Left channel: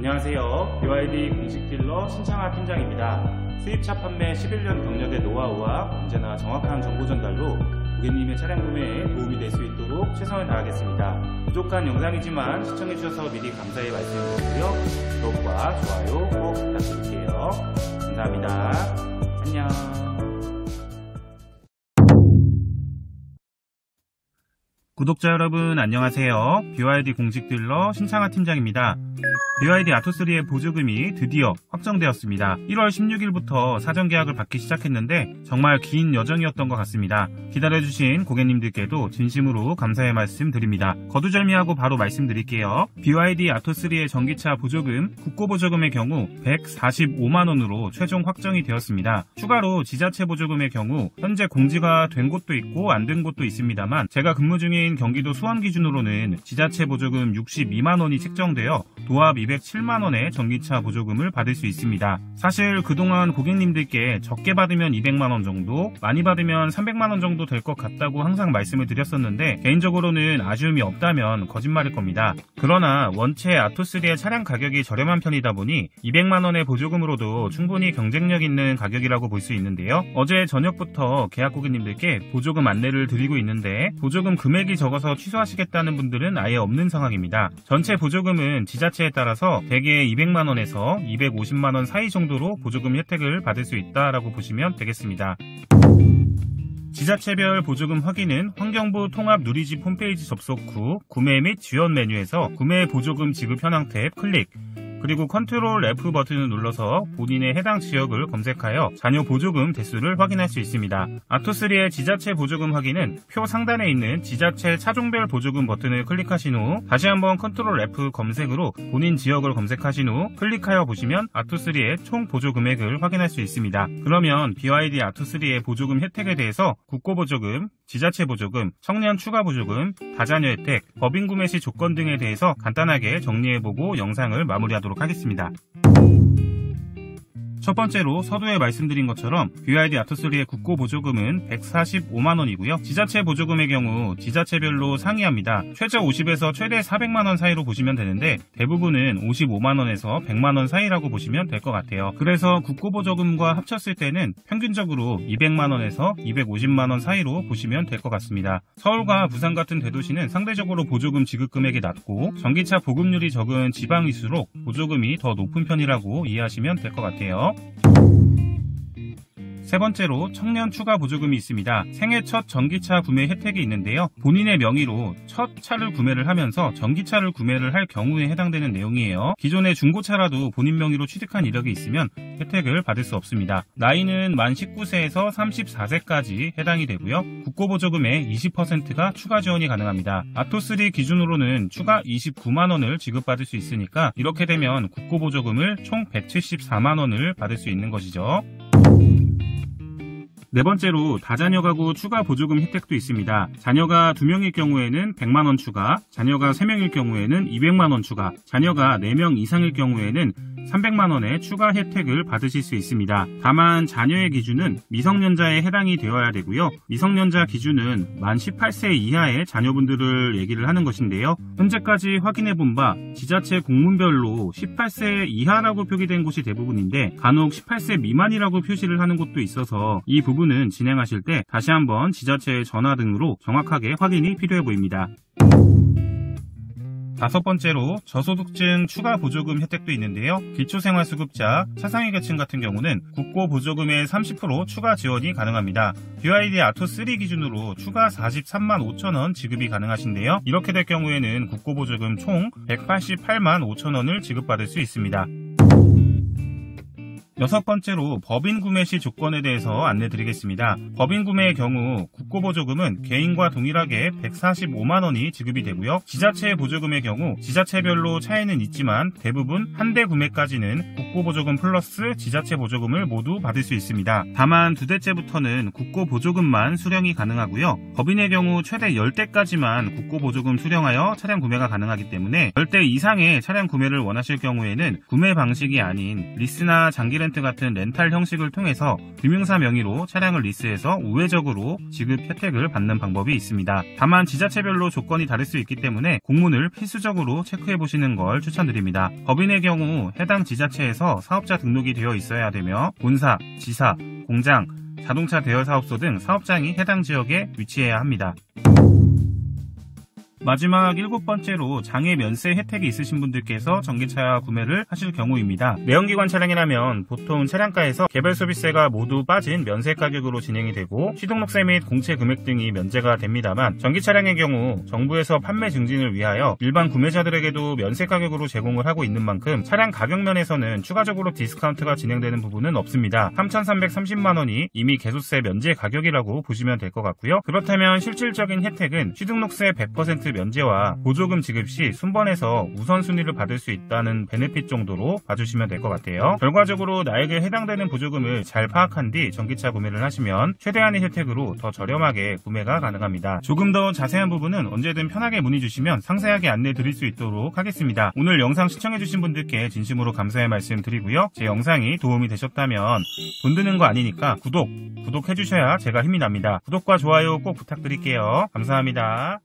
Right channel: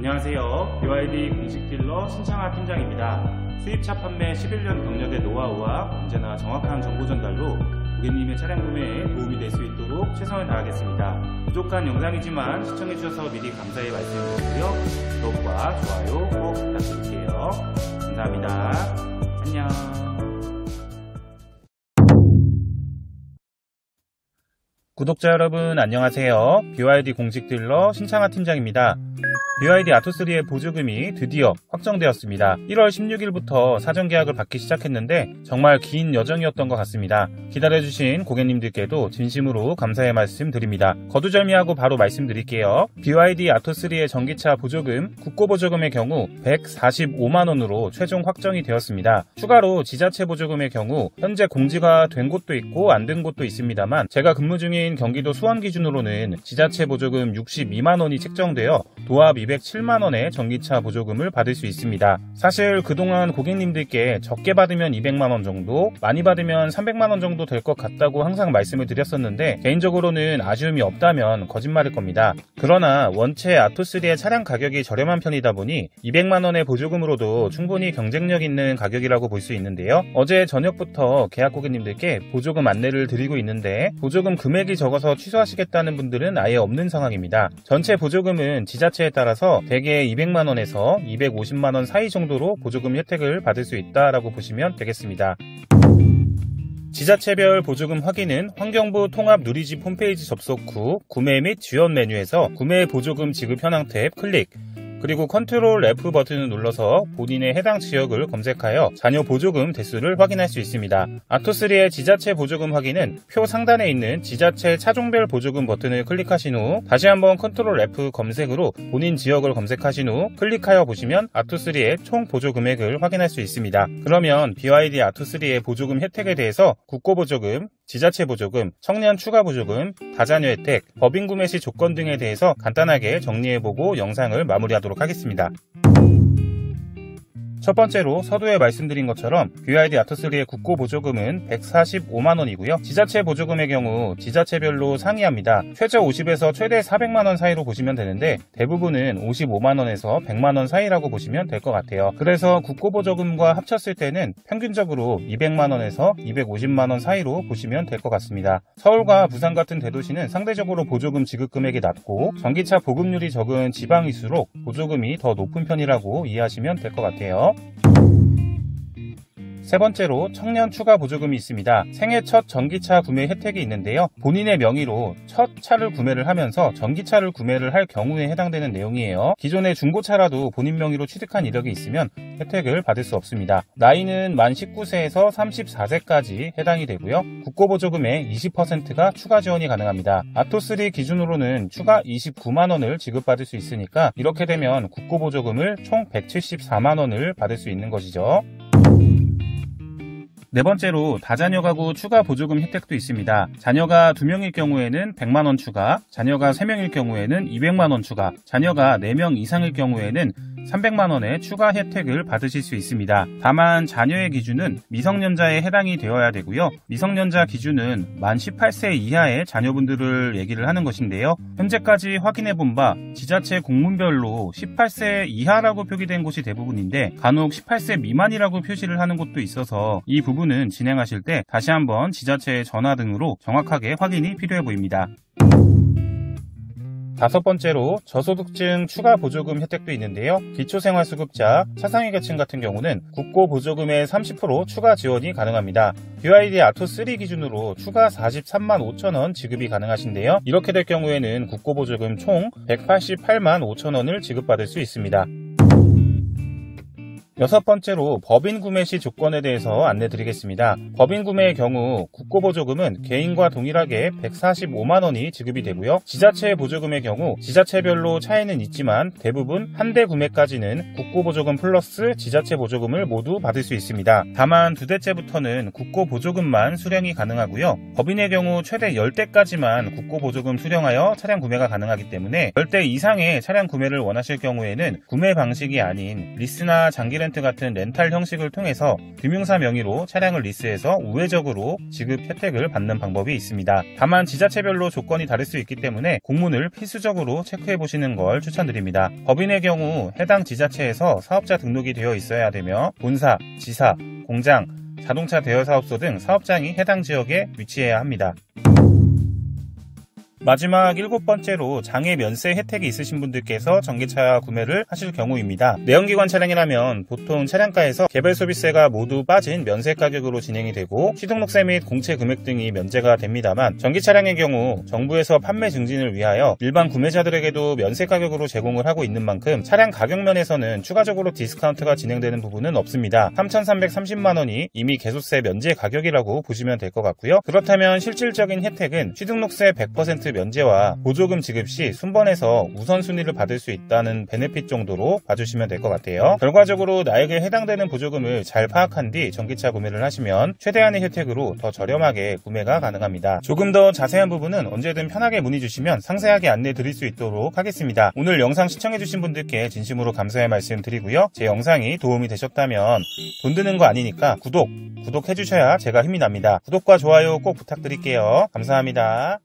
안녕하세요. BYD 공식 딜러 신창하 팀장입니다. 수입차 판매 11년 경력의 노하우와 언제나 정확한 정보 전달로 고객님의 차량 구매에 도움이 될 수 있도록 최선을 다하겠습니다. 부족한 영상이지만 시청해주셔서 미리 감사의 말씀드리고요. 구독과 좋아요 꼭 부탁드릴게요. 감사합니다. 안녕. 구독자 여러분 안녕하세요. BYD 공식 딜러 신창하 팀장입니다. BYD 아토3의 보조금이 드디어 확정되었습니다. 1월 16일부터 사전 계약을 받기 시작했는데 정말 긴 여정이었던 것 같습니다. 기다려주신 고객님들께도 진심으로 감사의 말씀 드립니다. 거두절미하고 바로 말씀드릴게요. BYD 아토3의 전기차 보조금, 국고보조금의 경우 145만원으로 최종 확정이 되었습니다. 추가로 지자체 보조금의 경우 현재 공지가 된 곳도 있고 안 된 곳도 있습니다만 제가 근무 중인 경기도 수원 기준으로는 지자체 보조금 62만원이 책정되어 도합 207만원의 전기차 보조금을 받을 수 있습니다. 사실 그동안 고객님들께 적게 받으면 200만원 정도, 많이 받으면 300만원 정도 될 것 같다고 항상 말씀을 드렸었는데 개인적으로는 아쉬움이 없다면 거짓말일 겁니다. 그러나 원체 아토3의 차량 가격이 저렴한 편이다 보니 200만원의 보조금으로도 충분히 경쟁력 있는 가격이라고 볼 수 있는데요. 어제 저녁부터 계약 고객님들께 보조금 안내를 드리고 있는데 보조금 금액이 적어서 취소하시겠다는 분들은 아예 없는 상황입니다. 전체 보조금은 지자체에 따라서 대개 200만원에서 250만원 사이 정도로 보조금 혜택을 받을 수 있다라고 보시면 되겠습니다. 지자체별 보조금 확인은 환경부 통합 누리집 홈페이지 접속 후 구매 및 지원 메뉴에서 구매 보조금 지급 현황 탭 클릭, 그리고 컨트롤 F 버튼을 눌러서 본인의 해당 지역을 검색하여 잔여 보조금 대수를 확인할 수 있습니다. 아토3의 지자체 보조금 확인은 표 상단에 있는 지자체 차종별 보조금 버튼을 클릭하신 후 다시 한번 컨트롤 F 검색으로 본인 지역을 검색하신 후 클릭하여 보시면 아토3의 총 보조 금액을 확인할 수 있습니다. 그러면 BYD 아토3의 보조금 혜택에 대해서 국고보조금, 지자체 보조금, 청년 추가 보조금, 다자녀 혜택, 법인 구매 시 조건 등에 대해서 간단하게 정리해보고 영상을 마무리하도록 하겠습니다. 첫 번째로 서두에 말씀드린 것처럼 BYD 아토3의 국고보조금은 145만원이고요. 지자체 보조금의 경우 지자체별로 상이합니다. 최저 50에서 최대 400만원 사이로 보시면 되는데 대부분은 55만원에서 100만원 사이라고 보시면 될 것 같아요. 그래서 국고보조금과 합쳤을 때는 평균적으로 200만원에서 250만원 사이로 보시면 될 것 같습니다. 서울과 부산 같은 대도시는 상대적으로 보조금 지급 금액이 낮고 전기차 보급률이 적은 지방일수록 보조금이 더 높은 편이라고 이해하시면 될 것 같아요. 세 번째로 청년 추가 보조금이 있습니다. 생애 첫 전기차 구매 혜택이 있는데요. 본인의 명의로 첫 차를 구매를 하면서 전기차를 구매를 할 경우에 해당되는 내용이에요. 기존의 중고차라도 본인 명의로 취득한 이력이 있으면 혜택을 받을 수 없습니다. 나이는 만 19세에서 34세까지 해당이 되고요. 국고보조금의 20%가 추가 지원이 가능합니다. 아토3 기준으로는 추가 29만원을 지급받을 수 있으니까 이렇게 되면 국고보조금을 총 174만원을 받을 수 있는 것이죠. 네 번째로 다자녀 가구 추가 보조금 혜택도 있습니다. 자녀가 2명일 경우에는 100만원 추가, 자녀가 3명일 경우에는 200만원 추가, 자녀가 4명 이상일 경우에는 300만원의 추가 혜택을 받으실 수 있습니다. 다만 자녀의 기준은 미성년자에 해당이 되어야 되고요. 미성년자 기준은 만 18세 이하의 자녀분들을 얘기를 하는 것인데요. 현재까지 확인해본 바 지자체 공문별로 18세 이하라고 표기된 곳이 대부분인데 간혹 18세 미만이라고 표시를 하는 곳도 있어서 이 부분은 진행하실 때 다시 한번 지자체에 전화 등으로 정확하게 확인이 필요해 보입니다. 다섯 번째로 저소득층 추가 보조금 혜택도 있는데요. 기초생활수급자, 차상위 계층 같은 경우는 국고보조금의 30% 추가 지원이 가능합니다. BYD 아토3 기준으로 추가 43만 5천원 지급이 가능하신데요. 이렇게 될 경우에는 국고보조금 총 188만 5천원을 지급받을 수 있습니다. 여섯 번째로 법인 구매 시 조건에 대해서 안내드리겠습니다. 법인 구매의 경우 국고보조금은 개인과 동일하게 145만원이 지급이 되고요. 지자체 보조금의 경우 지자체별로 차이는 있지만 대부분 한 대 구매까지는 국고보조금 플러스 지자체 보조금을 모두 받을 수 있습니다. 다만 2대째부터는 국고보조금만 수령이 가능하고요. 법인의 경우 최대 10대까지만 국고보조금 수령하여 차량 구매가 가능하기 때문에 10대 이상의 차량 구매를 원하실 경우에는 구매 방식이 아닌 리스나 장기 엑스렌트 같은 렌탈 형식을 통해서 금융사 명의로 차량을 리스해서 우회적으로 지급 혜택을 받는 방법이 있습니다. 다만 지자체별로 조건이 다를 수 있기 때문에 공문을 필수적으로 체크해 보시는 걸 추천드립니다. 법인의 경우 해당 지자체에서 사업자 등록이 되어 있어야 되며 본사, 지사, 공장, 자동차 대여사업소 등 사업장이 해당 지역에 위치해야 합니다. 마지막 7번째로 장애 면세 혜택이 있으신 분들께서 전기차 구매를 하실 경우입니다. 내연기관 차량이라면 보통 차량가에서 개별소비세가 모두 빠진 면세 가격으로 진행이 되고 취등록세 및 공채 금액 등이 면제가 됩니다만 전기차량의 경우 정부에서 판매 증진을 위하여 일반 구매자들에게도 면세 가격으로 제공을 하고 있는 만큼 차량 가격 면에서는 추가적으로 디스카운트가 진행되는 부분은 없습니다. 3,330만원이 이미 개소세 면제 가격이라고 보시면 될 것 같고요. 그렇다면 실질적인 혜택은 취등록세 100% 면제와 보조금 지급 시 순번에서 우선순위를 받을 수 있다는 베네핏 정도로 봐주시면 될 것 같아요. 결과적으로 나에게 해당되는 보조금을 잘 파악한 뒤 전기차 구매를 하시면 최대한의 혜택으로 더 저렴하게 구매가 가능합니다. 조금 더 자세한 부분은 언제든 편하게 문의 주시면 상세하게 안내 드릴 수 있도록 하겠습니다. 오늘 영상 시청해주신 분들께 진심으로 감사의 말씀 드리고요. 제 영상이 도움이 되셨다면 돈 드는 거 아니니까 구독해주셔야 제가 힘이 납니다. 구독과 좋아요 꼭 부탁드릴게요. 감사합니다.